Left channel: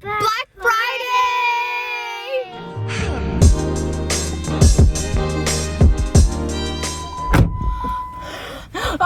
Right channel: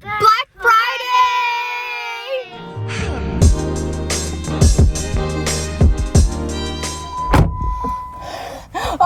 Black Friday!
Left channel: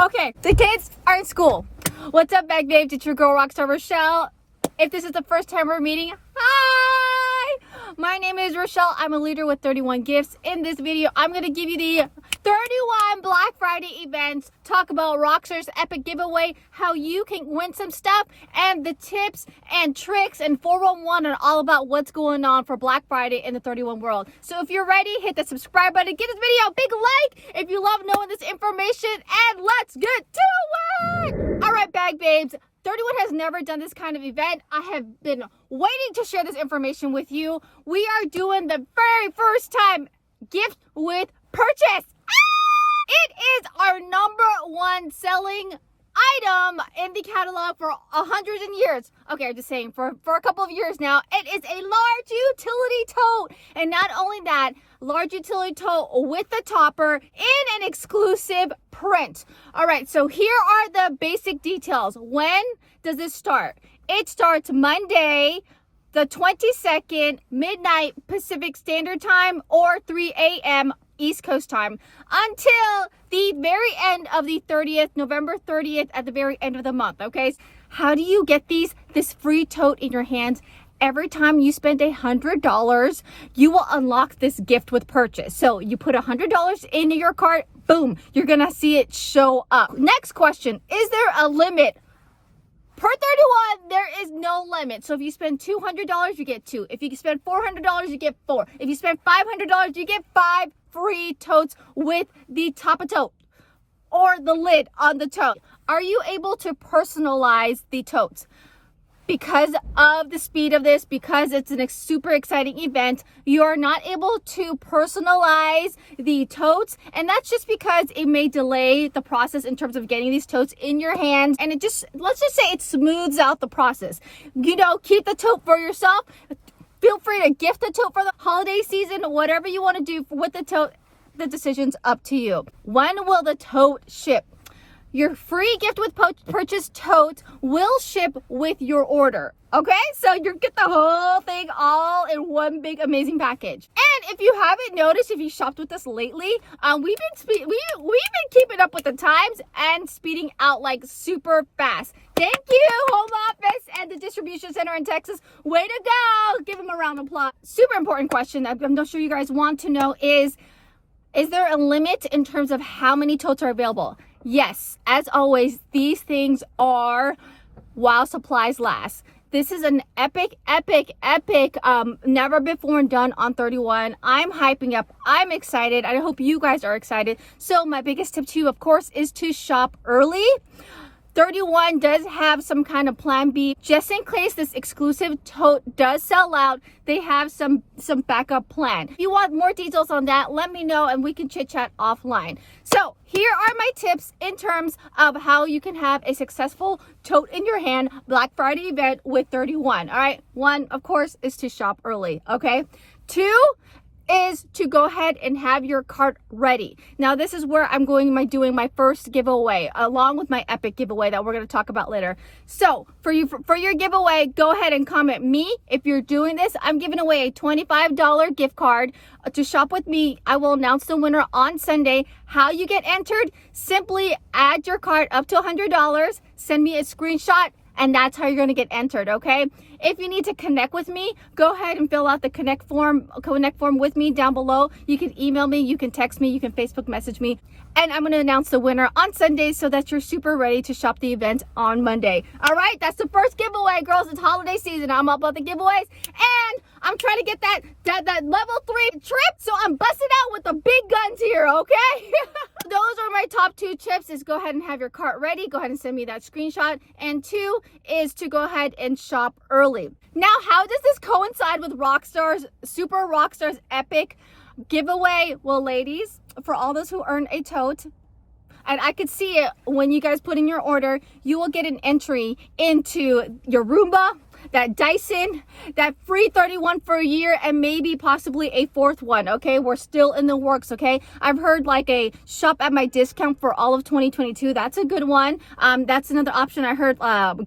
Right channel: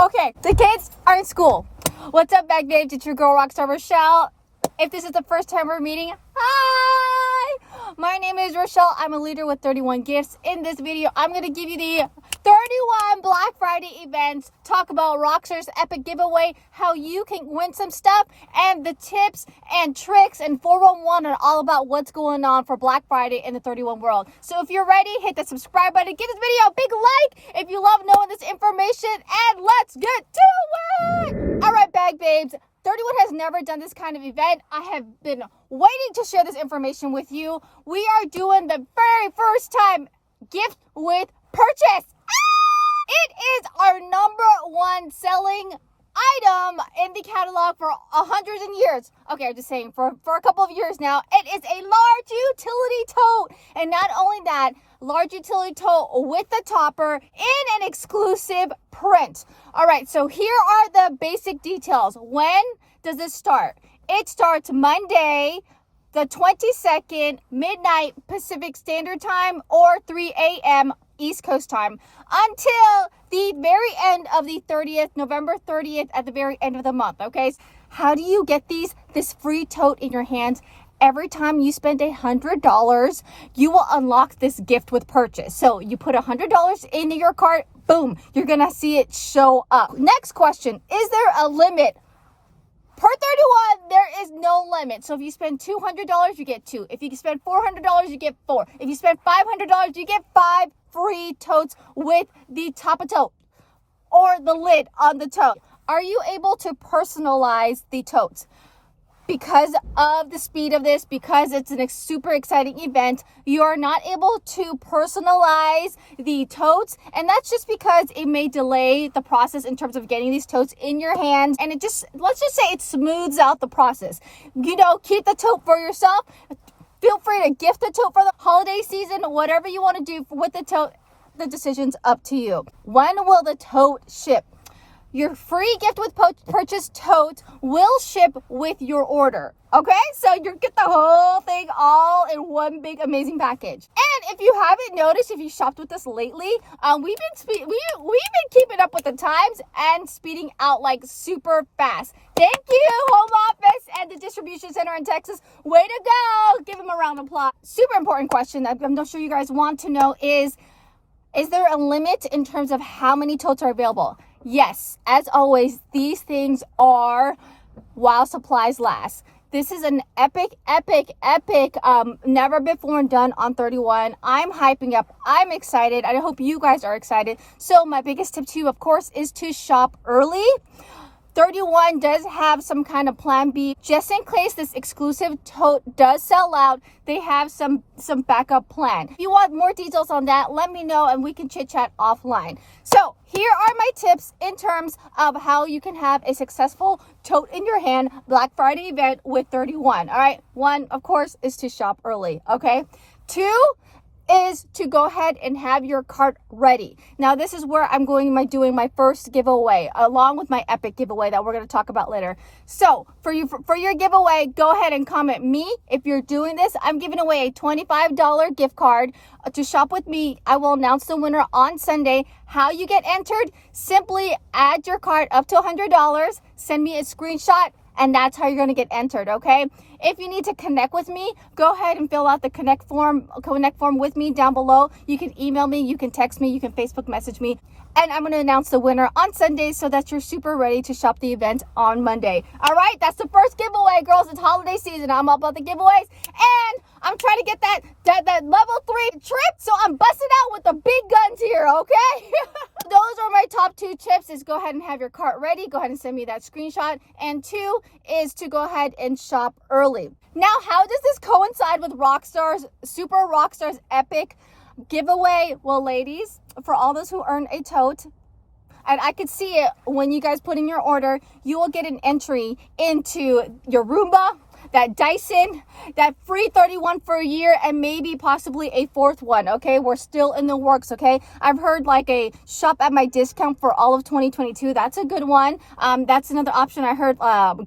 Okay, the kids are in school. What's up, Bag Babes? It's your girl, Rockstar Rochelle. If this is the first time we're meeting, hi! My name is Rochelle. I'm a leader with 31 gifts. In this video, I'm going to give you the 31 Black Friday events, talk about Rockstar's epic giveaway, how you can win some stuff, and the tips and tricks and 411 and all about what's going on for Black Friday in the 31 world. So if you're ready, hit the subscribe button, give this video a big like if you love knowing this information, and let's get to it! All right, Bag Babes. 31 has never done this kind of event. I have been waiting to share this information with you. We are doing the very first time gift with purchase. It is our #1 selling item in the catalog for hundreds of years. Okay, I'm just saying, for a couple of years now. It is a large utility tote. And not only that, large utility tote with the topper in an exclusive print. All right, so here are the basic details. When does this start? It starts Monday, the 22nd, midnight Pacific Standard Time, or 3 a.m. East Coast time, until the very end of the 30th, November 30th, at the very end of the month. Okay, how do you get this free tote in your hands? Every time you spend $100, you will unlock this gift with purchase. So you put $100 into your cart, boom, you're gonna see it show up. Next question, is there a limit? Per 31, there is no limit. So if you spend $200, you get 2. If you spend $400, you get 4. If you spend $500, you get 5 free totes with the top of tote or the lid on the tote. Are you able to personalize the totes? Because of the speed of this, because it's a super exciting event, you are not able to personalize the totes, and that's just because it may delay the process in terms of getting these totes in your hands, and let's just say it smooths out the process. You know, keep the tote for yourself. Feel free to gift the tote for the holiday season, whatever you want to do with the tote, the decision's up to you. When will the tote ship? Your free gift with purchase tote will ship with your order. Okay, so you get the whole thing all in one big amazing package. And if you haven't noticed, if you shopped with us lately, we've been keeping up with the times and speeding out like super fast. Thank you, home office and the distribution center in Texas. Way to go! Give them a round of applause. Super important question that I'm not sure you guys want to know is there a limit in terms of how many totes are available? Yes, as always, these things are while supplies last. This is an epic, never before done on 31. I'm hyping up. I'm excited. I hope you guys are excited. So my biggest tip to you, of course, is to shop early. 31 does have some kind of plan B. Just in case this exclusive tote does sell out, they have some backup plan. If you want more details on that, let me know and we can chit chat offline. So here are my tips in terms of how you can have a successful tote in your hand Black Friday event with 31. All right, 1, of course, is to shop early. Okay, 2 is to go ahead and have your cart ready. Now this is where I'm doing my first giveaway along with my epic giveaway that we're going to talk about later. So for your giveaway, go ahead and comment me. If you're doing this, I'm giving away a $25 gift card to shop with me. I will announce the winner on Sunday. How you get entered? Simply add your cart up to $100, send me a screenshot, and that's how you're going to get entered. Okay, if you need to connect with me, go ahead and fill out the connect form with me down below. You can email me, you can text me, you can Facebook message me, and I'm going to announce the winner on Sunday so that you're super ready to shop the event on Monday. All right, that's the first giveaway, girls. It's holiday season. I'm all about the giveaways, and I'm trying to get that level 3 trip, so I'm busting out with the big guns here. Okay. Those are my top 2 tips. Is go ahead and have your cart ready. Go ahead and send me that screenshot. And 2 is to go ahead and shop early. Now, how does this coincide with Rockstar's epic giveaway? Well, ladies, for all those who earn a tote, and I could see it when you guys put in your order, you will get an entry into your Roomba, that Dyson, that free 31 for a year, and maybe possibly a fourth one. Okay, we're still in the works. Okay, I've heard like a shop at my discount for all of 2022. That's a good one. That's another option. I heard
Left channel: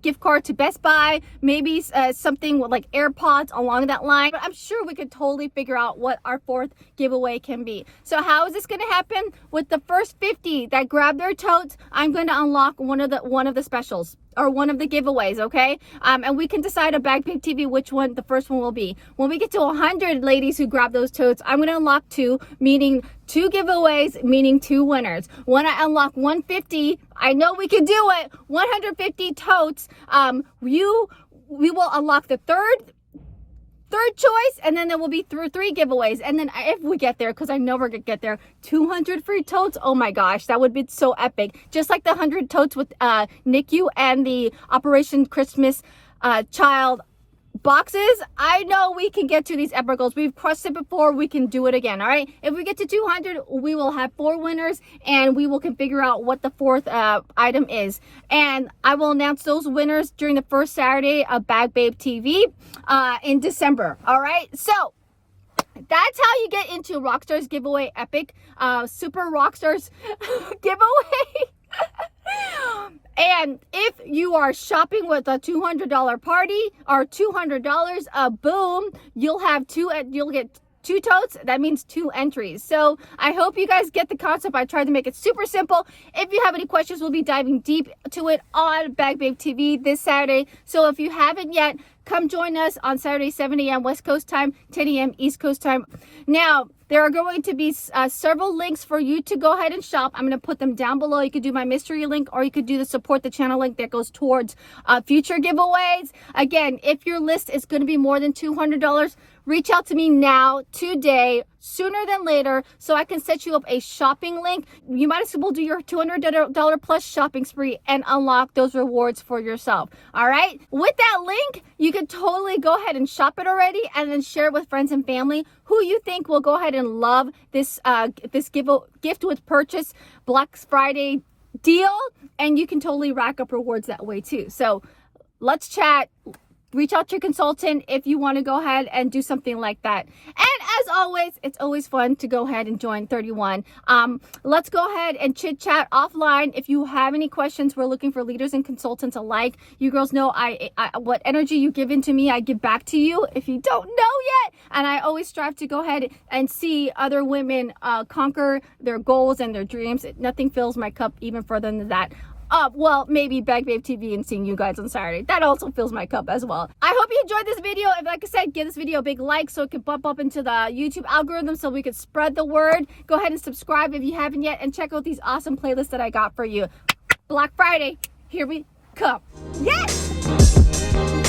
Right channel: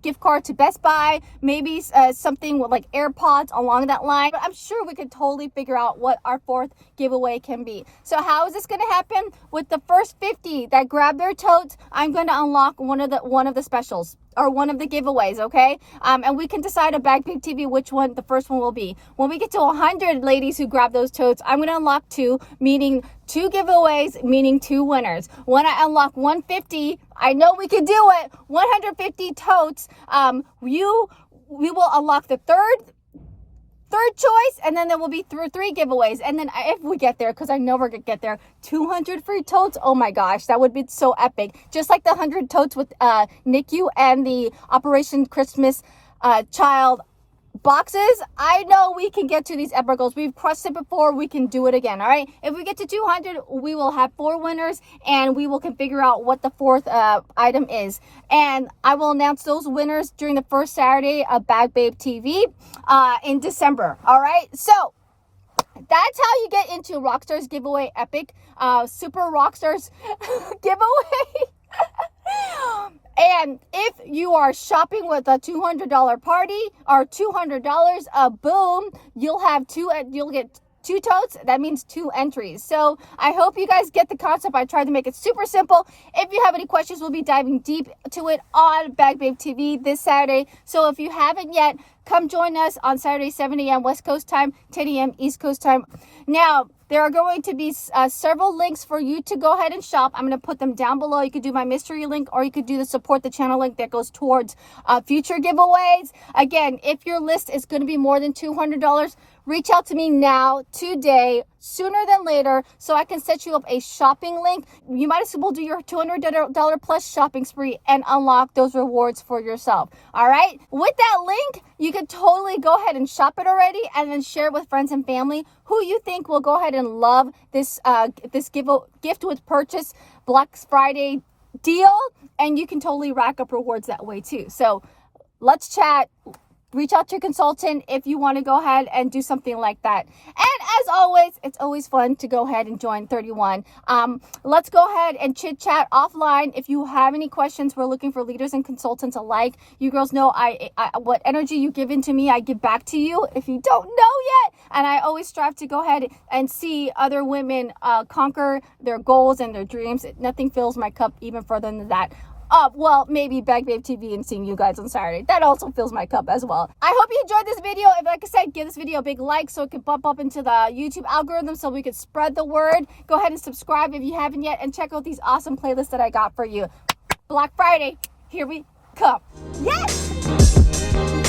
gift card to Best Buy, maybe something with like AirPods along that line. But I'm sure we could totally figure out what our fourth giveaway can be. So how is this going to happen? With the first 50 that grab their totes, I'm going to unlock one of the specials or one of the giveaways. Okay, and we can decide a Bag Babe TV which one the first one will be. When we get to 100 ladies who grab those totes, I'm going to unlock 2, meaning 2 giveaways, meaning 2 winners. When I unlock 150, I know we can do it. 150 totes. We will unlock the third choice, and then there will be 3 giveaways. And then if we get there, because I know we're gonna get there, 200 free totes. Oh my gosh, that would be so epic. Just like the 100 totes with NICU and the Operation Christmas Child boxes. I know we can get to these epic goals. We've crossed it before. We can do it again. All right, if we get to 200, we will have 4 winners, and we will can figure out what the fourth item is, and I will announce those winners during the first Saturday of Bag Babe TV in December. All right, so that's how you get into Rockstar's giveaway epic Super Rockstars giveaway. And if you are shopping with a $200 party or $200, boom, you'll get 2 totes. That means 2 entries. So I hope you guys get the concept. I tried to make it super simple. If you have any questions, we'll be diving deep to it on Bag Babe TV this Saturday. So if you haven't yet, come join us on Saturday, 7 a.m. West Coast time, 10 a.m. East Coast time. Now, there are going to be several links for you to go ahead and shop. I'm going to put them down below. You could do my mystery link, or you could do the support the channel link that goes towards future giveaways. Again, if your list is going to be more than $200, reach out to me now, today, sooner than later, so I can set you up a shopping link. You might as well do your $200 plus shopping spree and unlock those rewards for yourself. All right, with that link, you can totally go ahead and shop it already, and then share it with friends and family who you think will go ahead and love this gift with purchase Black Friday deal, and you can totally rack up rewards that way too. So let's chat. Reach out to your consultant if you want to go ahead and do something like that. And as always, it's always fun to go ahead and join 31. Let's go ahead and chit chat offline. If you have any questions, we're looking for leaders and consultants alike. You girls know I what energy you give into me, I give back to you. If you don't know yet, and I always strive to go ahead and see other women conquer their goals and their dreams. Nothing fills my cup even further than that. Well, maybe Bag Babe TV and seeing you guys on Saturday. That also fills my cup as well. I hope you enjoyed this video. If, like I said, give this video a big like so it can bump up into the YouTube algorithm so we can spread the word. Go ahead and subscribe if you haven't yet, and check out these awesome playlists that I got for you. Black Friday, here we come. Yes!